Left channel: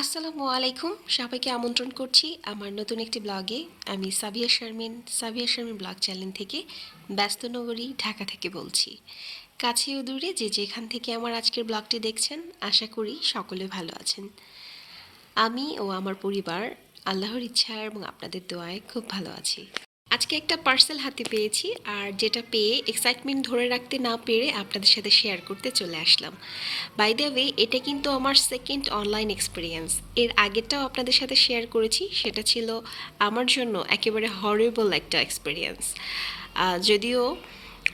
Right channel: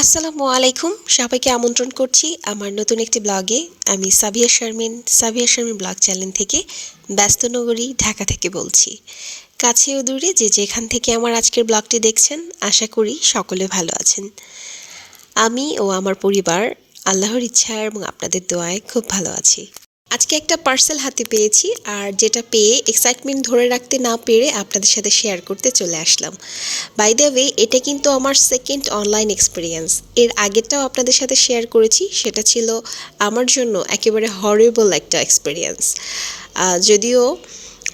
আসসালামু আলাইকুম, সবাইকে আমন্ত্রণ করছি আমার নতুন একটি ব্লগে। আমি সাবিয়া শারমিন ব্লগ চ্যানেল থেকে ব্যস্ত নগরী ঢাকা থেকে বলছি। কাছে ও দূরে যে যেখান থেকে আমার আজকের ব্লগটি দেখছেন, আশা করি সকলে ভালো আছেন। আমি ও আমার পরিবার আল্লাহর ইচ্ছা এবং আপনাদের দোয়ায় খুব ভালো আছি। আজকে একটা পার্সেল হাতে পেয়েছি, আর যেটা পেয়ে এক্সাইটমেন্ট ধরে রাখতে না পেরে আপনাদের সাথে শেয়ার করতে চলে আসলাম। বাই দ্য ওয়ে, এটা কিন্তু আমার সেকেন্ড অনলাইন এক্সপিরিয়েন্স। এর আগেরটাও আপনাদের সাথে শেয়ার করেছি, সেটা ছিল আমার জন্য একেবারে হরিবল একটা এক্সপিরিয়েন্স। যদিও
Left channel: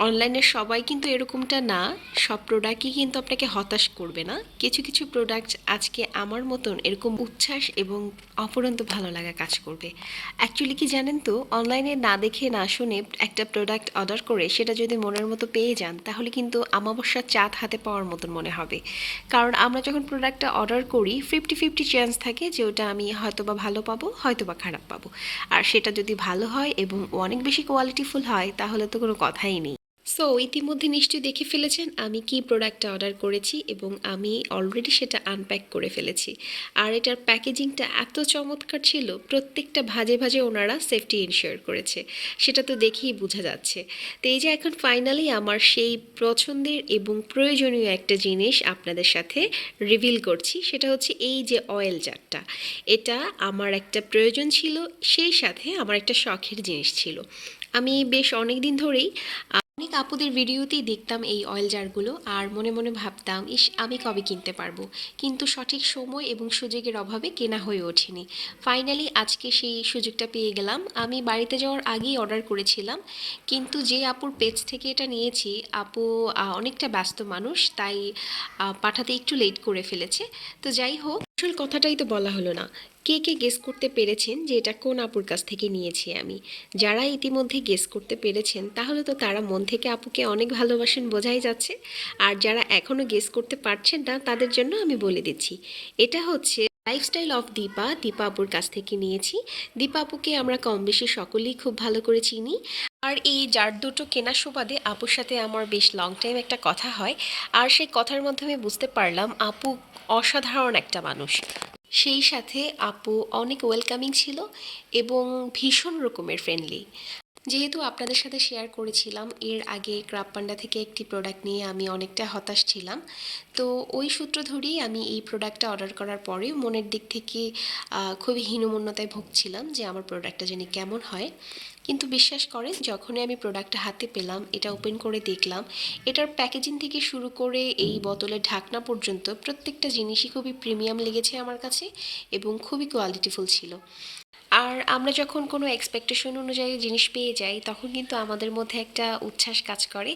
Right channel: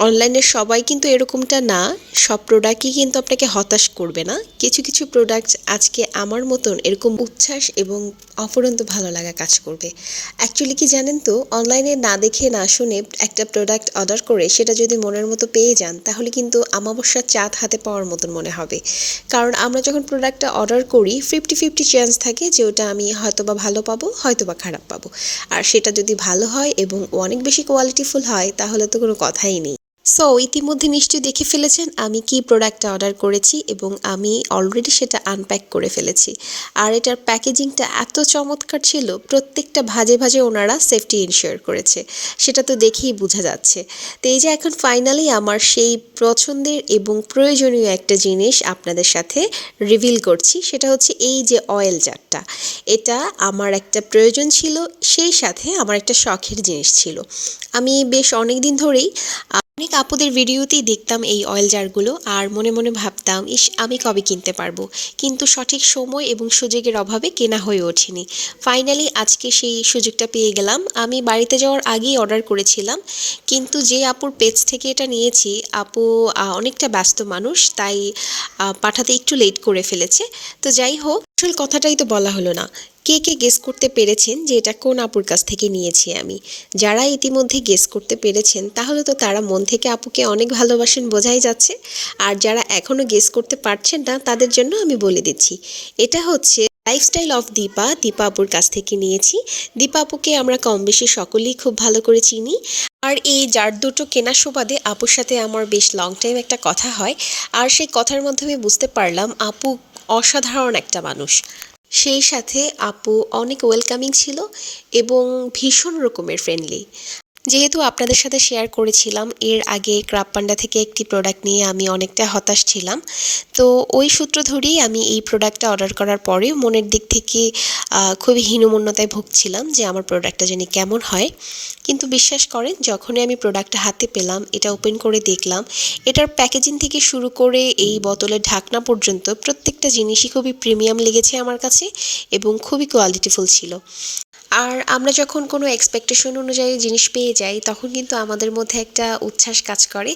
অনলাইনের সবাই কিন্তু এরকমটা না, সব প্রোডাক্টই কিন্তু আপনাকে হতাশ করবে না। কিছু কিছু প্রোডাক্ট আজকে আমার মতন এরকম উচ্ছ্বাস এবং অফুরন্ত ভালো লাগা কাজ করবে। অ্যাকচুয়ালি কি জানেন তো, অনলাইনে না দেখে না শুনে একটা প্রোডাক্ট অর্ডার করে সেটা যদি মনের মতো পেয়ে যান, তাহলে কিন্তু আমাবস্যার চাঁদ হাতে পাওয়ার মতন মনে হবে। কারণ আমরা যখন প্রোডাক্টটা অর্ডার করি, 50-50 চান্স থাকে যে ওটা আমি হয়তোবা ভালো পাবো, হয়তোবা খারাপ পাবো। আর সেটা যদি ভালো হয় এবং অনেক বেশি কোয়ালিটিফুল হয়, তাহলে তো কোনো কথাই নেই। সো ইতিমধ্যে নিশ্চয়ই দেখে ফেলেছেন আমি কি প্রোডাক্টটা অর্ডার করেছি, এবং আমি অলরেডি সেটা আনপ্যাক করে ফেলেছি। আর এটার প্যাকেজিংটা এত চমৎকার ছিল, প্রত্যেকটা ভাজে ভাজে ওনারা সেফটি ইনশিওর করেছে, সেটা তো দেখেই বোঝা যাচ্ছে। তো এই যে এখন ফাইনালি আমার সেই পছন্দের এবং প্রয়োজনীয় একটা জিনিস আপনাদের সাথে রিভিল করছি, সেটা হচ্ছে এই যে অয়েল জারটা। এটা আমার একটা প্রয়োজন ছিল, সেই সাথে আমার একটা শখের জিনিস ছিল। আমি বেশ অনেক দিন ধরেই অনেক আপুদের ভিডিওতেই দেখতাম এই অয়েল জারগুলো, আর মনে মনে ভাবতাম, ইস আমি কবে কিনতে পারবো, কিন্তু সঠিক সময় এবং সুযোগের অভাবে কেনা হয়ে ওঠেনি। ফাইনালি আজকে সেই সুযোগটা পেয়ে গেলাম। আমি বাড়িতে যাওয়ার আগেই অর্ডার করেছিলাম, কিন্তু যে আপুর পেজ থেকে এটা নিয়েছি, আপু অনেকটা ব্যস্ত মানুষ, তাই পাঠাতে একটু লেট করে ফেলেছে। তো যাই হোক, আসল কথাটাই তো বলা হলো না। কে কে গেস করতে পেরেছেন যে এটা কোন আপুর কাছ থেকে নিয়েছি আমি? যারা ইতিমধ্যে গেস করতে পেরেছেন, তাহলে তো তারা মন থেকে আপুকে অনেক ভালোবাসেন বোঝাই যাচ্ছে। আর যারা এখনও গেস করতে পারছেন না, তাদের জন্য আমি বলে দিচ্ছি, এটা হচ্ছে লাইফস্টাইল অফ দীপা। দীপা আপুর কাছ থেকে নিয়েছি। দীপা আপুকে আমরা কম বেশি সকলেই খুব ভালো করে চিনি। আর এই জার দুটো কেনার সুবাদে আপুর সাথে আমার বেশ লং টাইম একটা কথা হয়, আর সেই কথার মাধ্যমে বুঝতে পারলাম আপু অসাধারণ একটা মানুষ। সেই সাথে আপু অনেক ওয়েলকামিং ছিল এবং ভীষণ রকমের ফ্রেন্ডলি। যেহেতু আপনাদের সাথে শেয়ার করেছিলাম এর আগে ক্রাব পান্ডা থেকে একটি প্রোডাক্ট নিয়ে আমি অনেকটা হতাশ ছিলাম, তো ওই সূত্র ধরেই আমি এই প্রোডাক্টটা অর্ডার করার পরে মনের দিক থেকে খুবই হীনমন্যতায় ভুগছিলাম যে আমার প্রোডাক্টটা জানি কেমন হয়। কিন্তু বিশ্বাস করেন, যখনই আমি প্রোডাক্টটা হাতে পেলাম, এটা ওপেন করে দেখলাম, এটার প্যাকেজিং থেকে শুরু করে এই বোতলের ঢাকনা পর্যন্ত প্রত্যেকটা জিনিসই খুবই প্রিমিয়াম লেগেছে আমার কাছে এবং খুবই কোয়ালিটিফুল ছিল। আর আমরা যখন কোনো এক্সপেকটেশন অনুযায়ী জিনিস পেয়ে যাই, তখন কিন্তু আমাদের মধ্যে একটা উচ্ছ্বাস কাজ করে।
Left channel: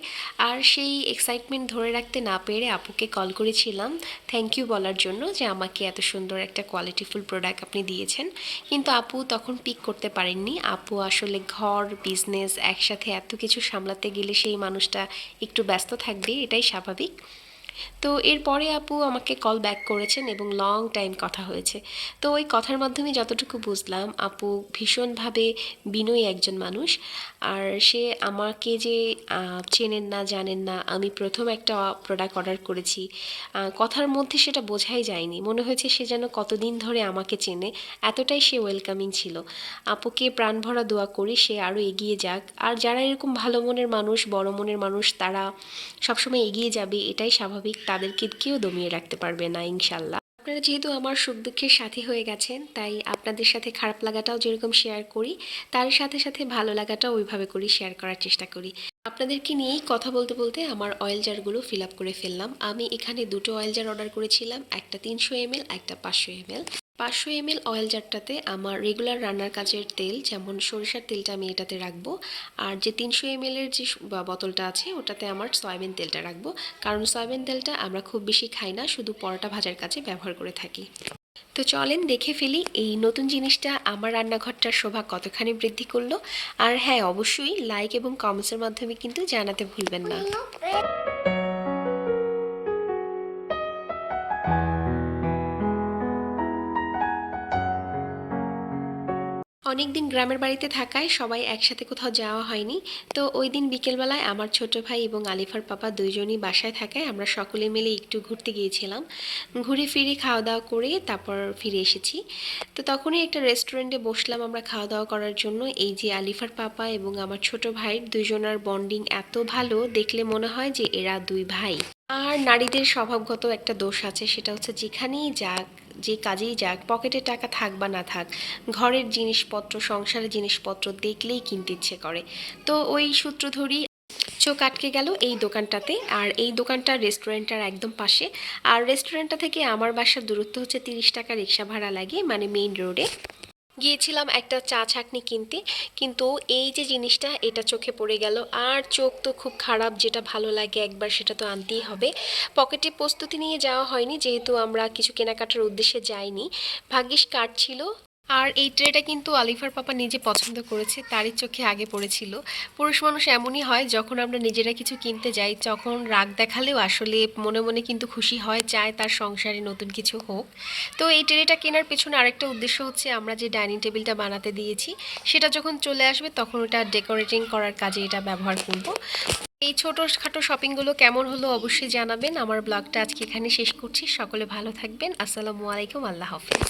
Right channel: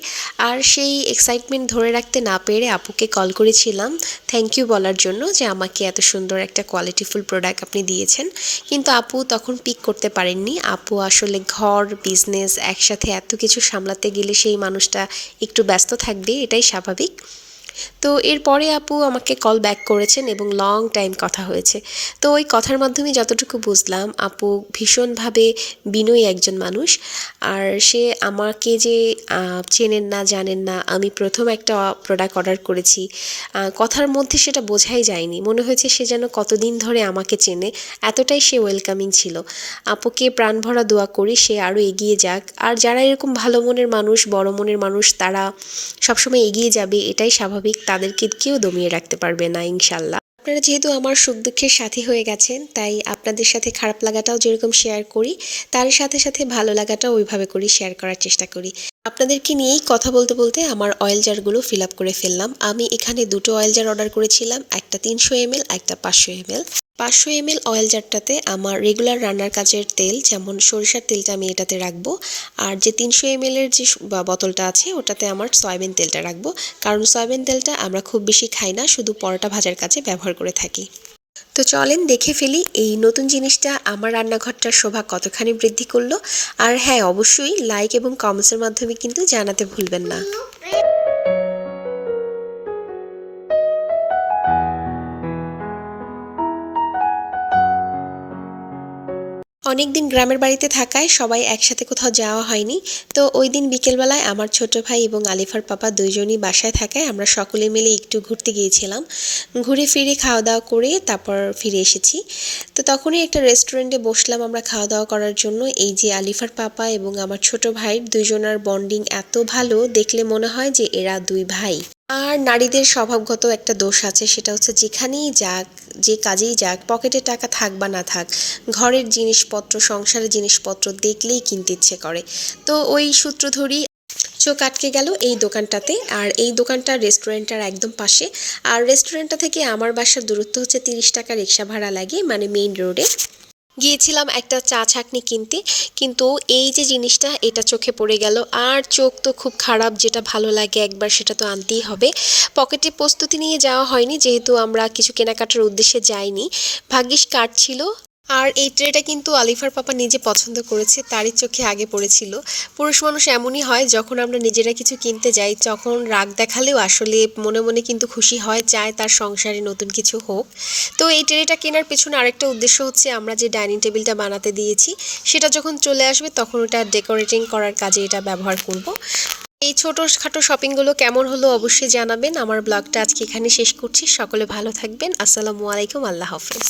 আর সেই এক্সাইটমেন্ট ধরে রাখতে না পেরে আপুকে কল করেছিলাম থ্যাংক ইউ বলার জন্য, যে আমাকে এত সুন্দর একটা কোয়ালিটিফুল প্রোডাক্ট আপনি দিয়েছেন। কিন্তু আপু তখন পিক করতে পারেননি। আপু আসলে ঘর বিজনেস একসাথে এত কিছু সামলাতে গেলে সেই মানুষটা একটু ব্যস্ত থাকবে, এটাই স্বাভাবিক। তো এরপরে আপু আমাকে কল ব্যাক করেছেন এবং লং টাইম কথা হয়েছে। তো ওই কথার মাধ্যমে যতটুকু বুঝলাম, আপু ভীষণভাবে বিনয়ী একজন মানুষ। আর সে আমাকে যে চেনেন না জানেন না, আমি প্রথম একটা প্রোডাক্ট অর্ডার করেছি, কথার মধ্যে সেটা বোঝাই যায়নি, মনে হয়েছে সে যেন কতদিন ধরে আমাকে চেনে, এতটাই সে ওয়েলকামিং ছিল। আপুকে প্রাণ ভরা দোয়া করি সে আরও এগিয়ে যাক। আর যারা এরকম ভালো মনের মানুষ, বড় মনের মানুষ, তারা সবসময় এগিয়ে যাবে, এটাই স্বাভাবিক। তাদেরকে কেউ দমিয়ে রাখতে পারবে না ইনশাল্লাহ। আপনারা যেহেতু আমার সুখ দুঃখের সাথী হয়ে গেছেন, তাই আপনাদের সাথে খারাপ লাগাটাও যেরকম শেয়ার করি, তার সাথে সাথে ভালো লাগাটাও ওইভাবে করি, শেয়ার করার চেষ্টা করি। আপনাদেরকে নিয়েই কথা বলতে বলতে আমার অয়েল জারগুলো ফিল আপ করে ফেললাম। আমি এখানে দুটো অয়েল জার অর্ডার করেছিলাম, একটা 300 ml, একটা 500 ml। 500 ml অয়েল জারটাতে আমার রেগুলার রান্নার কাজের তেল, যেমন সরিষার তেলটা আমি এটাতে রাখবো। আর যে 300 ml-এর যে বোতলটা আছে, ওটাতে আমার সয়াবিন তেলটা রাখবো, কারণ সয়াবিন তেলটা আমরা খুব বেশি খাই না, শুধু পরোটা ভাজার কাজে ব্যবহার করে থাকি। তো চলেন দেখে ফেলি এই নতুন জিনিসটা আমার রান্নাঘরটার শোভা কতখানি বৃদ্ধি করলো। আর হ্যাঁ, অবশ্যই লাইক এবং কমেন্টসের মাধ্যমে কিন্তু জানাতে ভুলবেন না। অনেকদিন গ্রামের বাড়িতে থাকায় সবাই একসাথে কোথাও যাওয়া হয়নি। তো ওই দিন বিকেলবেলায় আমার ছোট ভাই এবং আলিফার পাপা দুইজনই বাসায় থাকায় আমরা সকলে মিলে একটু ঘুরতে গিয়েছিলাম। ঘুরে ফিরে খাওয়া দাওয়া করে তারপর ফিরে এসেছি। তো তখনই একটা রেস্টুরেন্টে বসলাম আমরা খাওয়া দাওয়া করার জন্য। এই যে আলিফার পাপা এবং আমার ছোট ভাইয়ের দুইজনার বন্ডিং এত ভালো, দেখলে মনে হয় যে এরা দুই ভাই। আর নারীদের স্বভাবগত একটা দোষ আছে, সেটা হচ্ছে যেখানেই যাক, যে কাজেই যাক, পকেটে টাকা থাক বা না থাক, ঘরের জিনিসপত্র, সংসারের জিনিসপত্র দেখলেই কিনতে ইচ্ছে করে। তো ওই সূত্র ধরেই চোখ আটকে গেল এই দোকানটাতে। আর এই দোকানটা রেস্টুরেন্টটার একদম পাশে। আর রেস্টুরেন্টটা থেকে আমার বাসার দূরত্ব হচ্ছে 30 টাকা রিক্সা ভাড়া লাগে, মানে মেইন রোডে। গিয়েছিলাম একটা চা ছাঁকনি কিনতে, কিন্তু এই যে জিনিসটা এটা চোখে পড়ে গেল। আর চোখ তো খুব খারাপ, যেটা ভালো লাগে একবার সেটা তো আনতেই হবে। পকেটে প্রস্তুতি নিয়ে যাওয়া হয়নি, যেহেতু আমরা কিছু কেনাকাটার উদ্দেশ্যে যাইনি। ভাগ্যিস কার্ড ছিল। আর এই ট্রেটা কিন্তু আলিফার পাপা নিজে পছন্দ করেছে, তারই চোখে আগে পড়েছিল। পুরুষ মানুষ এমনই হয়, যখন আমরা নিজেরা কিছু কিনতে যাই তখন রাগ দেখালেও আসলে মনে মনে কিন্তু খুশি হয়, চায় তার সংসারে নতুন কিছু হোক। তো এই ট্রেটা কেনার পেছনে আরেকটা উদ্দেশ্য হচ্ছে, আমরা যে ডাইনিং টেবিলটা বানাতে দিয়েছি সেটা যখন চলে আসবে তখন ওটা ডেকোরেটিং করার কাজে এটা ব্যবহার করব। এই ছোটোখাটো শপিংগুলো কেমন হলো অবশ্যই জানাবেন। আমার ব্লগটা আজকে এখানে শেষ করছি। সকলে ভালো থাকবেন। আসসালামু আলাইকুম, আল্লাহ হাফেজ।